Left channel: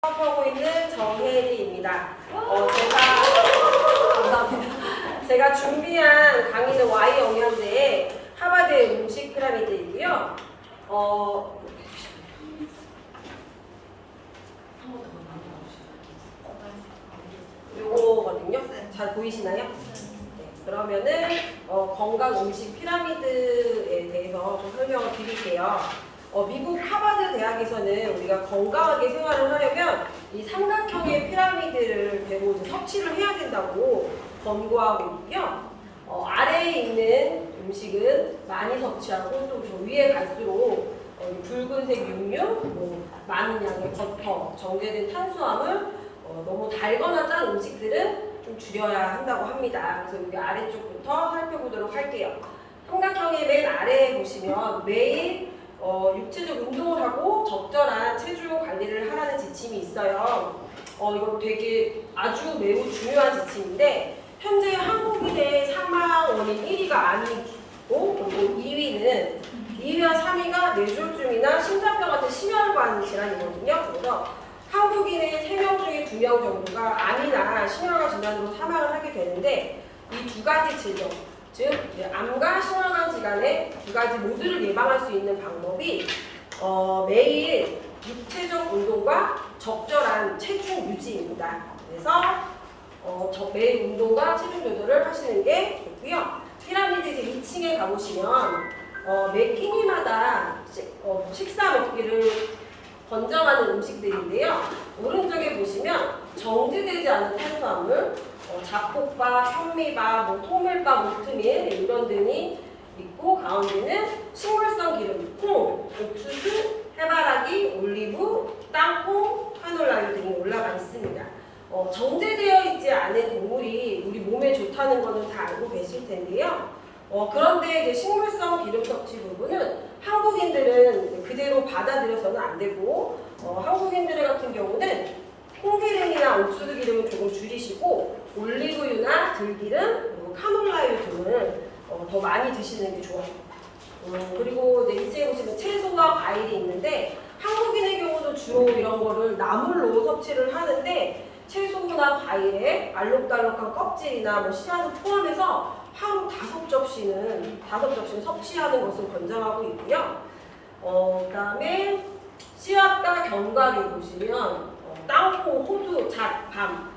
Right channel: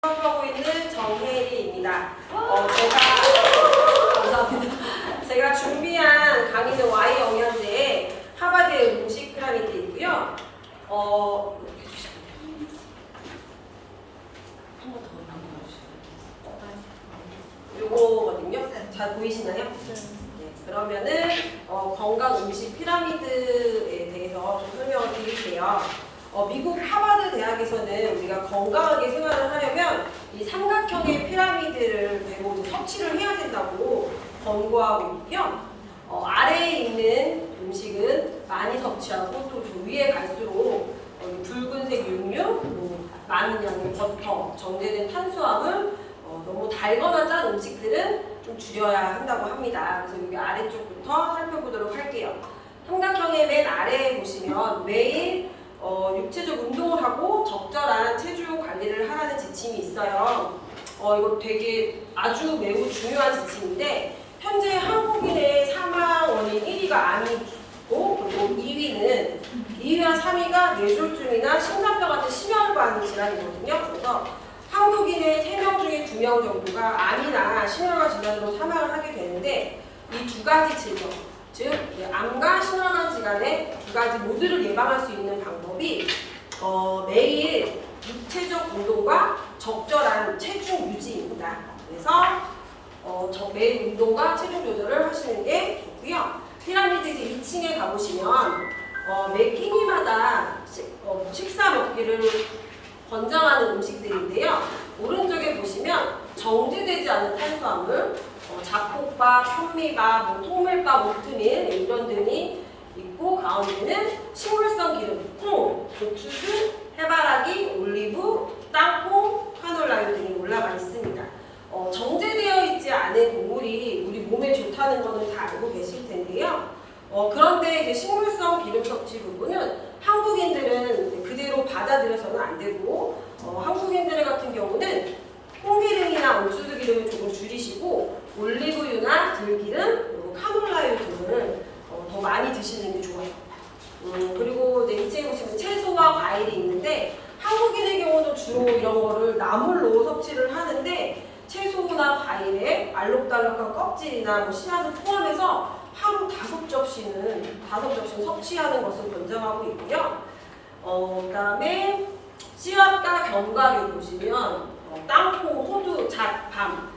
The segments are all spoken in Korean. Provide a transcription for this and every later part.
하고 있는 정혜리입니다. 감사합니다. 제가 준비한 강의는 Y 영양제의 하버드 음식 피라미드이고요. 요거거든요. 잘 보이시나요? 네. 그러면은 건강 음식 피라미드에 대해서 좀 설명을 드릴게요. 미국 하버드 대학에서는 우리가 건강하게 생활을 하려면 이 삼각형의 피라미드를 대고 섭취를 해야 된다고 권고하고 있고요. 아래에 있는 음식은 많이 섭취하고 또 위에 갈수록 붉은색 육류, 많은 양의 버터, 정제된 탄수화물, 너무 달거나 짠 음식들은 좀 줄여야 한다고 합니다. 그래서 여기 아래쪽부터 살펴보도록 할게요. 삼각형의 맨 아래에 보시면 매일 육체적 운동을 하고 적절한 체중 관리를 하라는 지침이 있어요. 이거 되게 아주 매우 중요한 지침인데 현재 한국인의 사망 원인 1위가 암이고 그리고 2위와 3위가 뇌졸중이나 심장병 같은 심혈관 질환이거든요. 그래서 한국인의 3명 중에 2명 정도가 암이나 심혈관 질환으로 사망을 하게 되는데 이 두 가지 질병 즉 암과 심혈관 질환의 두 가지 모두를 예방할 수 있는 방법이 매일 육체적 운동과 적절한 체중 유지입니다. 그래서 매일 운동과 체중 조절을 하시는 게 좋고요. 피라미드 이제 2층에 가보시면 매 끼니마다 식사 먹기를 권장하는 음식들인데요. 오른쪽에 보시면 정제되지 않은 탄수화물, 잡곡밥, 현미밥, 통밀밥, 오트밀 이런 등이 있고 가운데는 식물성 기름, 콩, 옥수수, 해바라기, 올리브, 땅콩, 카놀라유 등이 올라가 있습니다. 정제되어 있지 않은 곡물이 우리 몸에 좋다는 것은 다 알고 계실 텐데요. 그런데 이제 식물성 기름 섭취 부분은 한국인들은 그대로 받아들여서는 안 되고 한국인들 같은 경우는 콩기름이나 옥수수 기름을 조금 줄이시고 올리브유나 들기름 그리고 카놀라유 등을 더 많이 드시는 게 좋아요. 그리고 이제 2층에 보시면 채소와 과일이 있는데 한국인의 경우는 주로 이런 거를 나물로 섭취를 하는데 채소나 과일에 알록달록한 껍질이나 씨앗을 포함해서 하루 5접시는 섭취하는 것을 권장하고 있고요. 그 다음에 씨앗과 견과류 보시면 땅콩, 호두, 잣, 밤,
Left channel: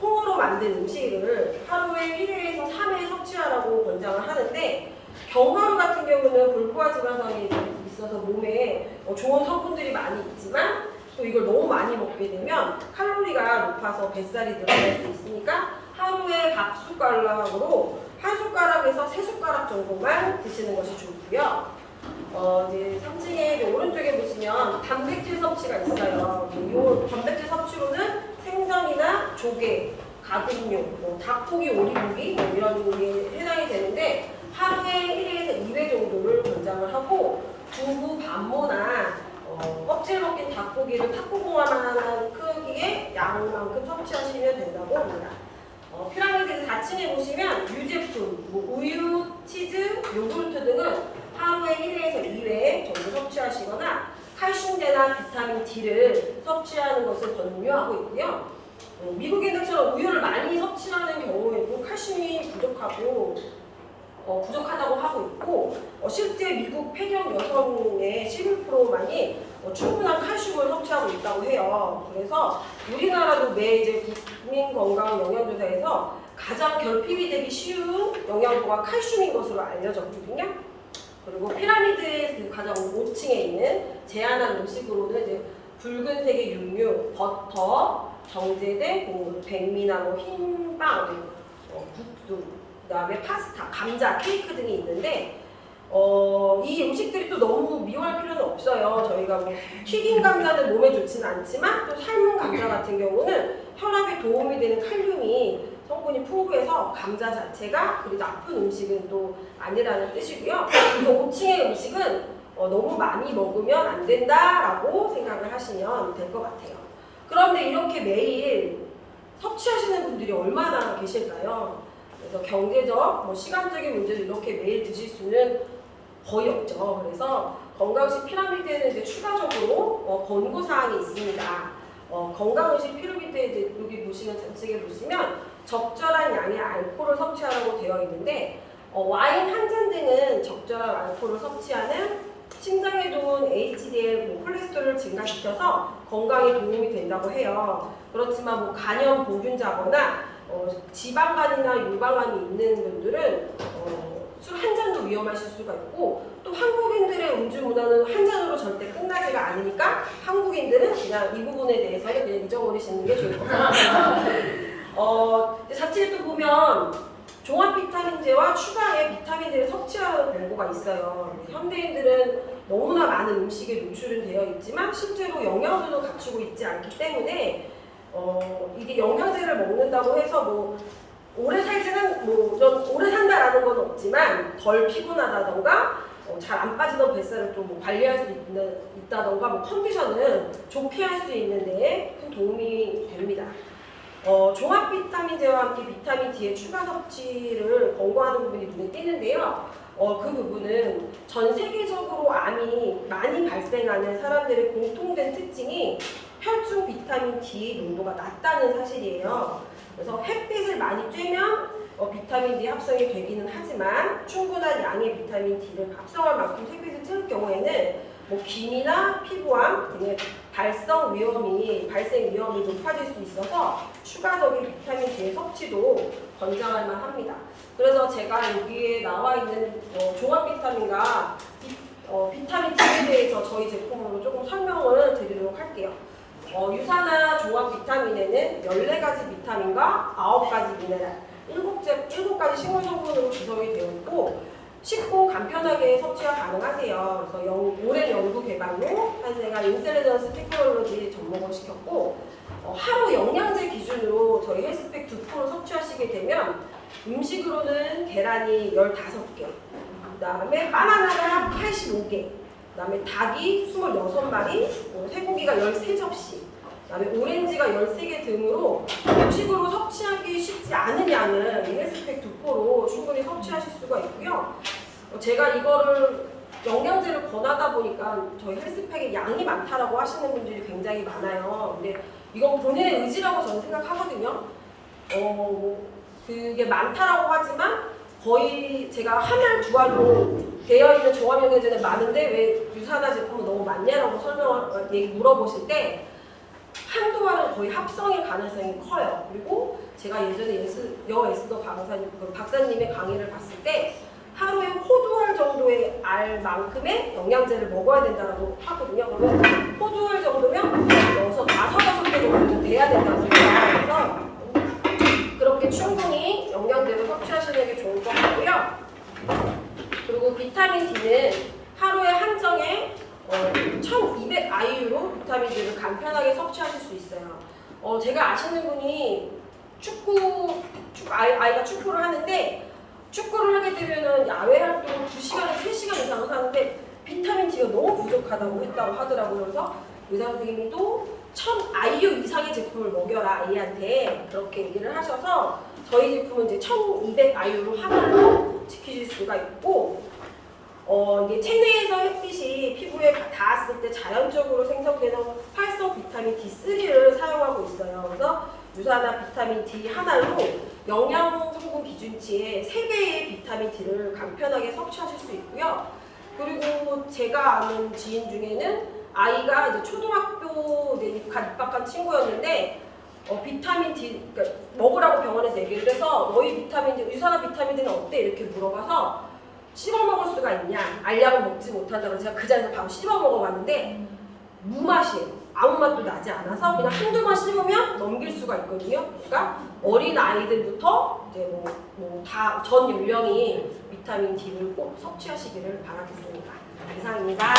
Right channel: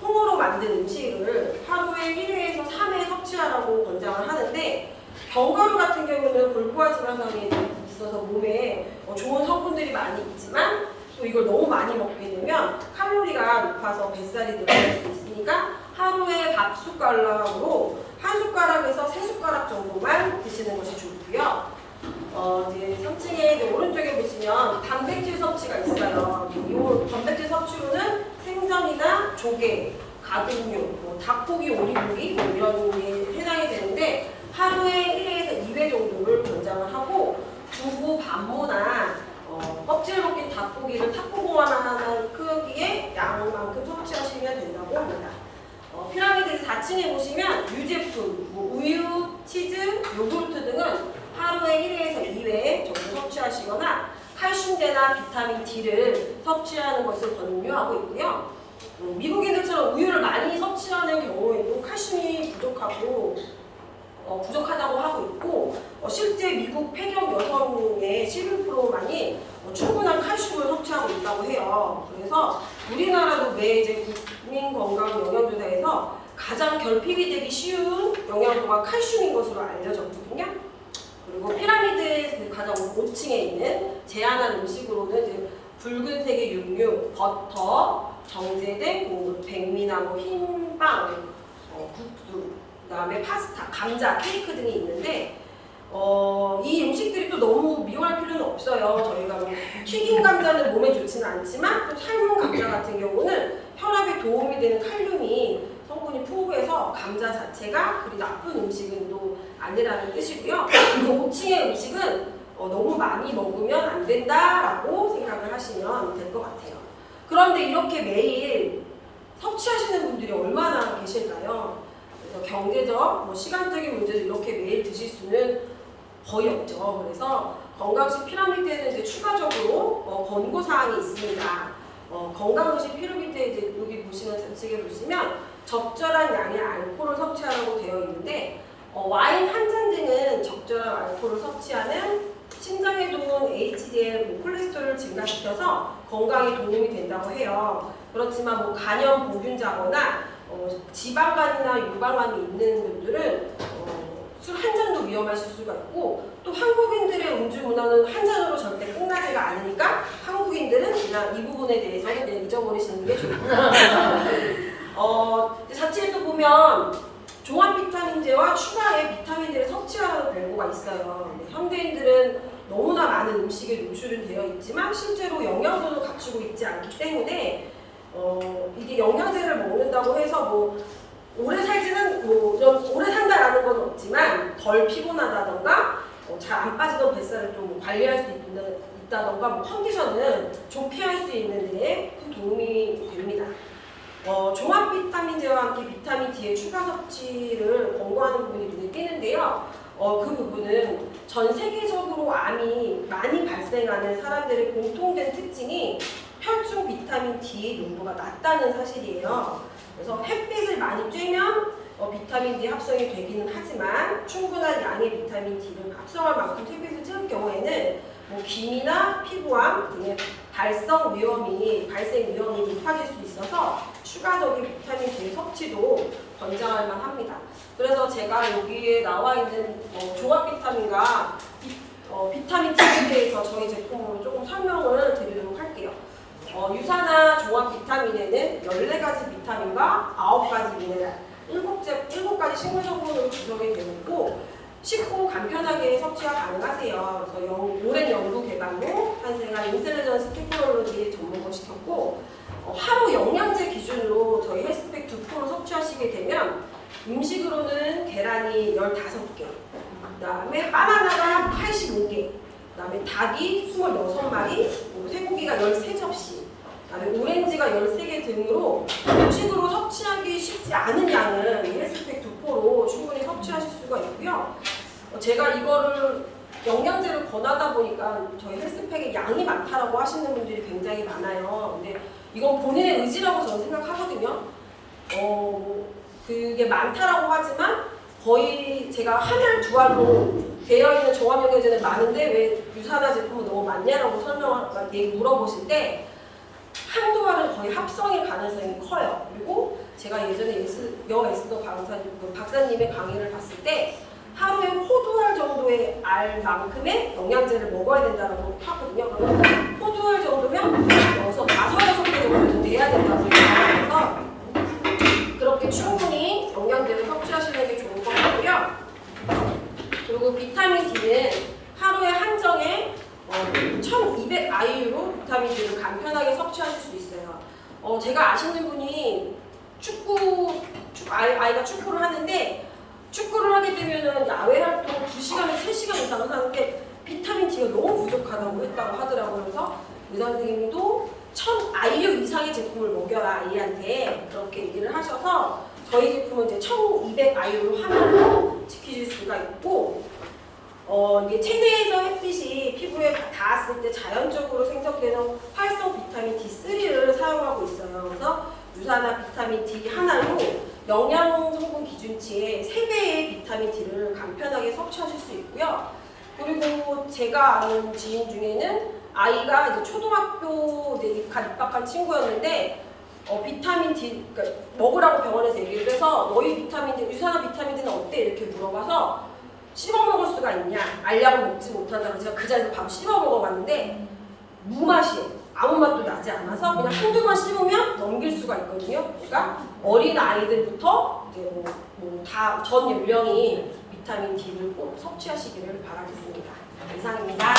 콩으로 만든 음식을 하루에 1회에서 3회 섭취하라고 권장을 하는데 견과류 같은 경우는 불포화 지방산이 있어서 몸에 좋은 성분들이 많이 있지만 또 이걸 너무 많이 먹게 되면 칼로리가 높아서 뱃살이 늘어날 수 있으니까 하루에 밥 숟가락으로 한 숟가락에서 3숟가락 정도만 드시는 것이 좋고요. 이제 3층에 오른쪽에 보시면 단백질 섭취가 있어요. 이 단백질 섭취로는 생선이나 조개, 가금류, 닭고기, 오리고기 이런 게 해당이 되는데 하루에 1회에서 2회 정도를 권장을 하고 두부, 반모나 껍질 벗긴 닭고기를 탁구공만한 크기의 양만큼 섭취하시면 된다고 합니다. 피라미드 4층에 보시면 유제품, 우유, 치즈, 요구르트 등은 하루에 1회에서 2회 정도 섭취하시거나 칼슘제나 비타민 D를 섭취하는 것을 권유하고 있고요. 미국인들처럼 우유를 많이 섭취하는 경우에도 칼슘이 부족하다고 하고 있고 실제 미국 폐경 여성의 11%만이 충분한 칼슘을 섭취하고 있다고 해요. 그래서 우리나라도 매 국민건강영양조사에서 가장 결핍이 되기 쉬운 영양소가 칼슘인 것으로 알려졌거든요. 그리고 피라미드의 가장 5층에 있는 제한한 음식으로는 이제 붉은색의 육류, 버터, 정제된 곡물, 백미나 흰빵, 국수, 그다음에 파스타, 감자, 케이크 등이 있는데 이 음식들이 또 너무 미워할 필요는 없어요. 저희가 튀긴 감자는 몸에 좋지는 않지만 또 삶은 감자 같은 경우는 혈압에 도움이 되는 칼륨이 성분이 풍부해서 감자 자체가 그리 나쁜 음식은 또 아니라는 뜻이고요. 그래서 5층의 음식은 너무 많이 먹으면 안 된다라고 생각을 하시면 될 것 같아요. 그런데 이렇게 매일 섭취하시는 분들이 얼마나 계실까요? 그래서 경제적, 시간적인 문제도 이렇게 매일 드실 수는 거의 없죠. 그래서 건강식 피라미드에는 이제 추가적으로 권고사항이 있습니다. 건강음식 피라미드에 이제 여기 보시면 좌측에 보시면 적절한 양의 알코올을 섭취하라고 되어 있는데 와인 한 잔 등은 적절한 알코올을 섭취하는 심장에 좋은 HDL, 콜레스테롤을 증가시켜서 건강에 도움이 된다고 해요. 그렇지만 간염 보균자거나 지방간이나 유방암이 있는 분들은 술 한 잔도 위험하실 수가 있고, 또 한국인들의 음주 문화는 한 잔으로 절대 끝나지가 않으니까 한국인들은 그냥 이 부분에 대해서는 그냥 잊어버리시는 게 좋을 것 같아요. 자체에 또 보면 종합 비타민제와 추가의 비타민들을 섭취하는 광고가 있어요. 현대인들은 너무나 많은 음식에 노출은 되어 있지만 실제로 영양소는 갖추고 있지 않기 때문에 이게 영양제를 먹는다고 해서 오래 살지는 오래 산다라는 건 없지만 덜 피곤하다던가 잘 안 빠지던 뱃살을 좀 관리할 수 있다던가 컨디션은 좋게 할 수 있는 데에 큰 도움이 됩니다. 종합 비타민제와 함께 비타민 D의 추가 섭취를 권고하는 부분이 눈에 띄는데요. 그 부분은 전 세계적으로 암이 많이 발생하는 사람들의 공통된 특징이 혈중 비타민 D 농도가 낮다는 사실이에요. 그래서 햇빛을 많이 쬐면 비타민 D 합성이 되기는 하지만 충분한 양의 비타민 D를 합성할 만큼 햇빛을 쬐는 경우에는 기미나 피부암 등의 발생 위험이 높아질 수 있어서 추가적인 비타민 D의 섭취도 권장할 만합니다. 그래서 제가 여기에 나와 있는 종합 비타민과 비타민 D에 대해서 저희 제품으로 조금 설명을 드리도록 할게요. 유산화 종합 비타민에는 14가지 비타민과 9가지 미네랄, 7가지 식물 성분으로 구성이 되어 있고 쉽고 간편하게 섭취가 가능하세요. 그래서 오랜 연구 개발로 탄생한 인텔리전스 테크놀로지 접목을 시켰고 하루 영양제 기준으로 저희 헬스팩 2포를 섭취하시게 되면 음식으로는 계란이 15개, 그 다음에 바나나가 85개, 그 다음에 닭이 26마리, 쇠고기가 13접시, 그 다음에 오렌지가 13개 등으로 음식으로 섭취하기 쉽지 않은 양을 헬스팩 2포로 충분히 섭취하실 수가 있고요. 제가 이거를 영양제를 권하다 보니까 저희 헬스팩에 양이 많다라고 하시는 분들이 굉장히 많아요. 근데 이건 본인의 의지라고 저는 생각하거든요. 그게 많다라고 하지만 거의 제가 한 알, 두 알로 되어 있는 종합 영양제는 많은데 왜 유산화 제품은 너무 많냐라고 물어보실 때 한두 알은 거의 합성일 가능성이 커요. 그리고 제가 예전에 에스더 박사님의 강의를 봤을 때 하루에 호두알 정도의 알만큼의 영양제를 먹어야 된다고 하거든요. 그러면 호두알 정도면 5개 정도는 돼야 된다고 해요. 그래서 그렇게 충분히 영양제를 섭취하시는 게 좋은 것 같고요. 그리고 비타민 D는 하루에 한정에 1200 IU로 비타민 D를 간편하게 섭취하실 수 있어요. 제가 아시는 분이 아이가 축구를 하는데 축구를 하게 되면은 야외 활동을 2시간에서 3시간 이상을 하는데 비타민 D가 너무 부족하다고 했다고 하더라고요. 그래서 의사 선생님도 1000 IU 이상의 제품을 먹여라 아이한테 그렇게 얘기를 하셔서 저희 제품은 이제 1200 IU로 하나로 지키실 수가 있고 이게 체내에서 햇빛이 피부에 닿았을 때 자연적으로 생성되는 활성 비타민 D3를 사용하고 있어요. 그래서 유산화 비타민 D 하나로 영양 성분 기준치의 3배의 비타민 D를 간편하게 섭취하실 수 있고요. 그리고 제가 아는 지인 중에는 아이가 이제 초등학교 입학한 친구였는데 비타민 D 그러니까 먹으라고 병원에서 얘기를 해서 너희 비타민 D, 유산화 비타민 D는 어때? 이렇게 물어봐서 씹어 먹을 수가 있냐? 알약은 먹지 못한다고 제가 그 자리에서 바로 씹어 먹어봤는데 무맛이에요. 아무 맛도 나지 않아서 그냥 한두 번 씹으면 넘길 수가 있거든요. 그러니까 어린 아이들부터 이제 다 전 연령이 비타민 D를 꼭 섭취하시기를 바라겠습니다. 이상입니다.